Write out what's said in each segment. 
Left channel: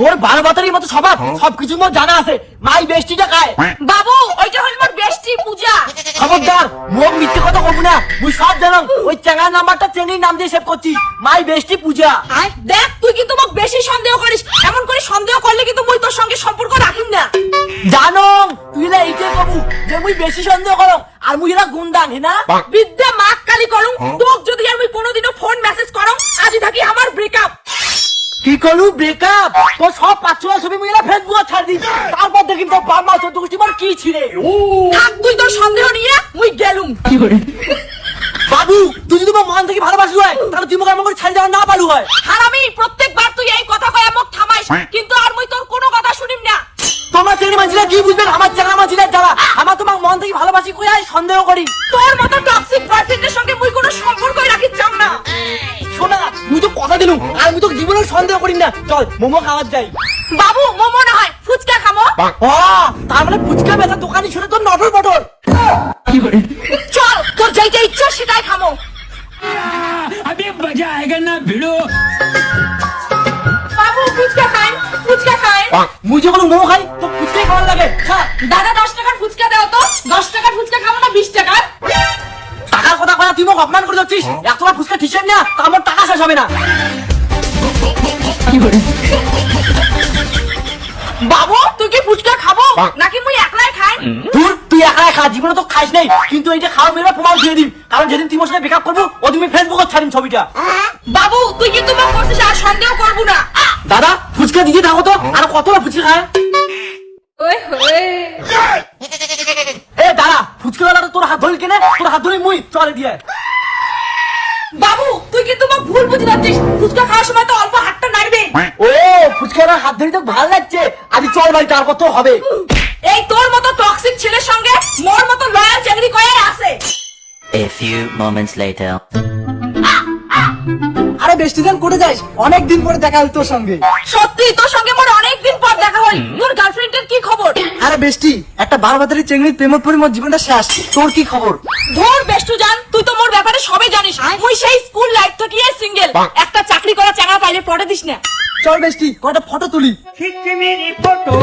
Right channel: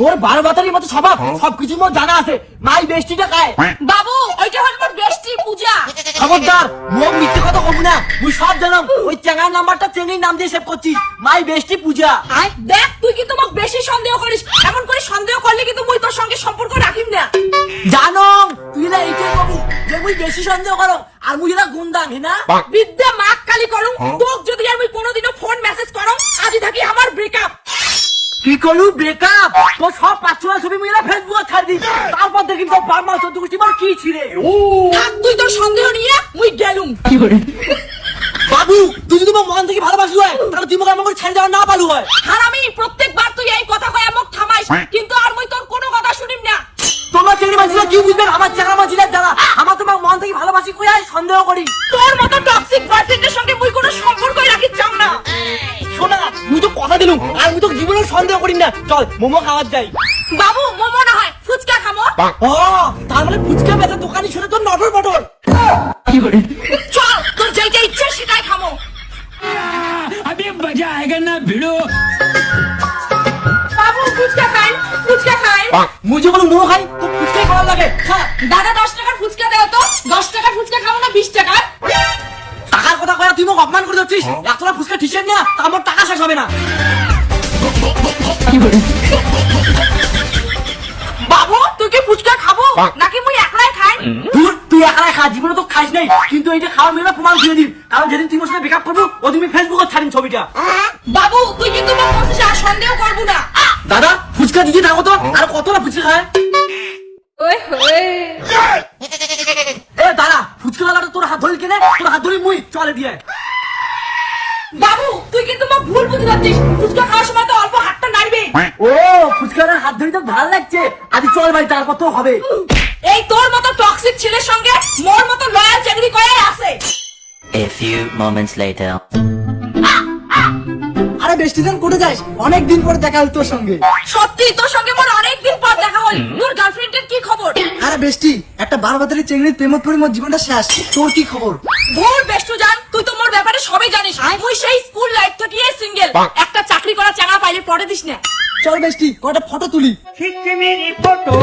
তোর বারো বাতারির মতো স্বভাব সবকিছু মোর জানা আছে। মাই বেষ্টিটা খায় বাবু ওইটা হল মোর বেষ্টি পূজা। খবরদার মুখ মিথ্যে কথা কব না। মুই সব জানাম। ওই চেঙ্গার নাম্বারটা চেঙ্গির নাম দিয়ে সেভ করছিস মাই বেষ্টি পূজা। দেখ তুই কিন্তু মোক বেশি সন্দেহ করিস। এমন করে সন্দেহ করলে কিন্তু মুই তোর সঙ্গে সম্পর্ক রাখিম না। জানো তুই না এইটাই কবু যে মুই বেশি সন্দেহ করো আর মুই না গুন্দান না। বিদ্যা মাক কালি করুম। তোক যদি আমি কি করলু ব্রেকআপ তোর সব পাঁচশো ছবি মুই না ফেসবুকে ছাড় দি তারপর দেখি তোর বাপ মা তোর দুষ্টি কি ছিড়ে? থাক তুই তোর সন্দেহ নিয়ে মুই গেলুম। বাবু তুই যদি মোর মন থেকে ভালোবাসি হয় তাহলে তুই মোকে আমাকে ছাড়ি দেওয়া না পারু হয়। হারামি প্রত্যেকবার তুই এই কথা কয় মোক থামাইস কিন্তু আর মুই তোর কোনো কথা শুনিম না। তোমার চেনি মাঝিরা কি বুঝবেন? আমার চেনা মাঝিরা যারা আমার তোমার মন থেকে ভালোবাসি কই আর সন্দেহ করি? তোর মতো টক্সিক বয়ফ্রেন্ডের সঙ্গে মুই কোনো সম্পর্কই রাখিত চাও না। তো দিলুম আর আমি তো জীবনে সন্দেহ করি না। চল মোমো খাওয়ার যাই। বাবু মোমো না হয় ফুচকা খাব। ও তার মানে ফুচকা বেচা দোকানি শুধু তো নটর বটর চল তোর যাই যাই ইচ্ছা সেটাই খামো আমি মজা আয়েগা না ভিড়ো। বাবু ফুচকা খাই ফুচকা খাই। মুই যখন মোমো খাই তো ফুচকাই খাওয়া লাগে। দাদা দশ টাকার ফুচকা দাও তো। দশ টাকার ফুচকা খাব না বিশ টাকার। টাকার কথা কয়া তুই মোক অপমান করে দিচ্ছিস একবার ফুচকা ঠিক না আমার টাকা শেষ হবে না। বাবু তুই কি ফুচকা খাব? নাকি মুই একলাই খাই? তুই তুই খা জীবনে তো খাইস নাই। কিন্তু এইটা খাওয়া মেয়েরা প্রমাণ দিয়ে দিন। কারণ যেদিন তুই মোর বেকআপ করব ওদিন ফেসবুকে ছাড়িম ছবিটা। বাবু তুই কিন্তু মোক বলছিস আর সন্দেহ করব না। দাদা ফুচকা দিয়ে থাকো তো। আর কতটা ফুচকা খায়? ওই এ দাদা ফুচকা তোর হাত ধরে কেনে? তোর হাত ধরে মুই চলে দিয়ে বাবু তুই কিন্তু মোক ভুল বুঝে যাচ্ছিস। ফুচকা খাওয়ার সময় তো অল্প হাতটা নাড়বে। ও ফুচকার হাত ধরে তো ভালো লাগছে। আজ চল ভাই তারপর তো হবে। এই তোর মতো টক্সিক ছেলের সঙ্গে মোর মতো লয়াল চাকরি করে আছে। A few moments later. আরে বেষ্টি দিন করে যাস। অনেক দিন পরে দেখা হল তোর সঙ্গে। সত্যি তোর সঙ্গে মোর অনেক দিন পর দেখা হল। তোর গার্লফ্রেন্ডের কি খবর? বেষ্টি একটা বারো বাতারি চেংড়ির প্রেম পরি মোর জীবনটা শেষ। তোর কি খবর? ধর বেষ্টু জান তুই তো মোর ব্যাপারে সবই জানিস। মুই সেই স্কুল লাইফ থেকে সিঙ্গেল একটা চাকরি করা চাঙা পাইলে পড়ে দিস না। চল বেষ্টি কয়টা ফটো তুলি? ফটো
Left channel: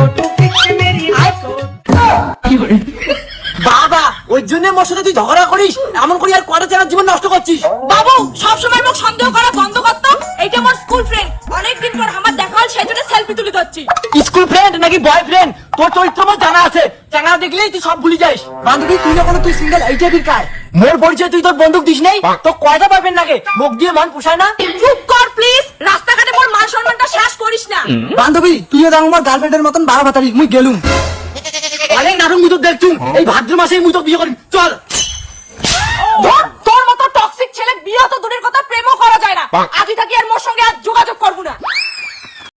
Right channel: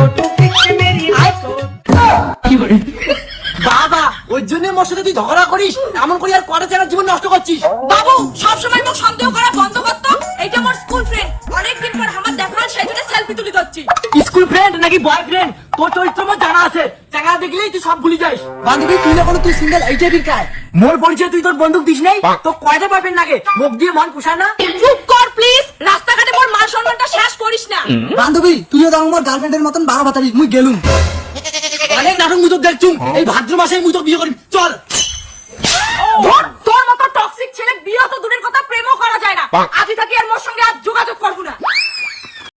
বাবা ওই জন্য মোর সাথে তুই ঝগড়া করিস? এমন করি আর কয়টা চেনার জীবন নষ্ট করছিস? বাবু সবসময় মোক সন্দেহ করা বন্ধ করতো এইটা মোর স্কুল ফ্রেন্ড অনেকদিন পর আমার দেখা হল সেই জন্য সেলফি তুলি করছি স্কুল ফ্রেন্ড নাকি বয়ফ্রেন্ড তোর চরিত্র আমার জানা আছে। চাঙা দেখলেই তুই সব ভুলি যাস। বান্ধবী তুই না কোনো তুই সিঙ্গেল এই টাইপের কায় মোর পরিচয় তুই তোর বন্দুক দিস নাই? তো কয়টা পাবেন নাকি মুখ দিয়ে মান পোষায় না? চুপ কর প্লিজ রাস্তাঘাটে মোর মান সম্মানটা শেষ করিস না। বান্ধবী তুই তো আমার গার্লফ্রেন্ডের মতন বারো বাতারিস মুই গেলুম। অনেক নাটক মুই তো দেখছুম। এই ভাদ্র মাসেই মুই তো বিয়ে করি। চল। তোর মতো টক্সিক ছেলে বিয়ে তো দূরের কথা প্রেমও করা যায় না। আজই থাকি আর মোর সঙ্গে আর যোগাযোগ করব না।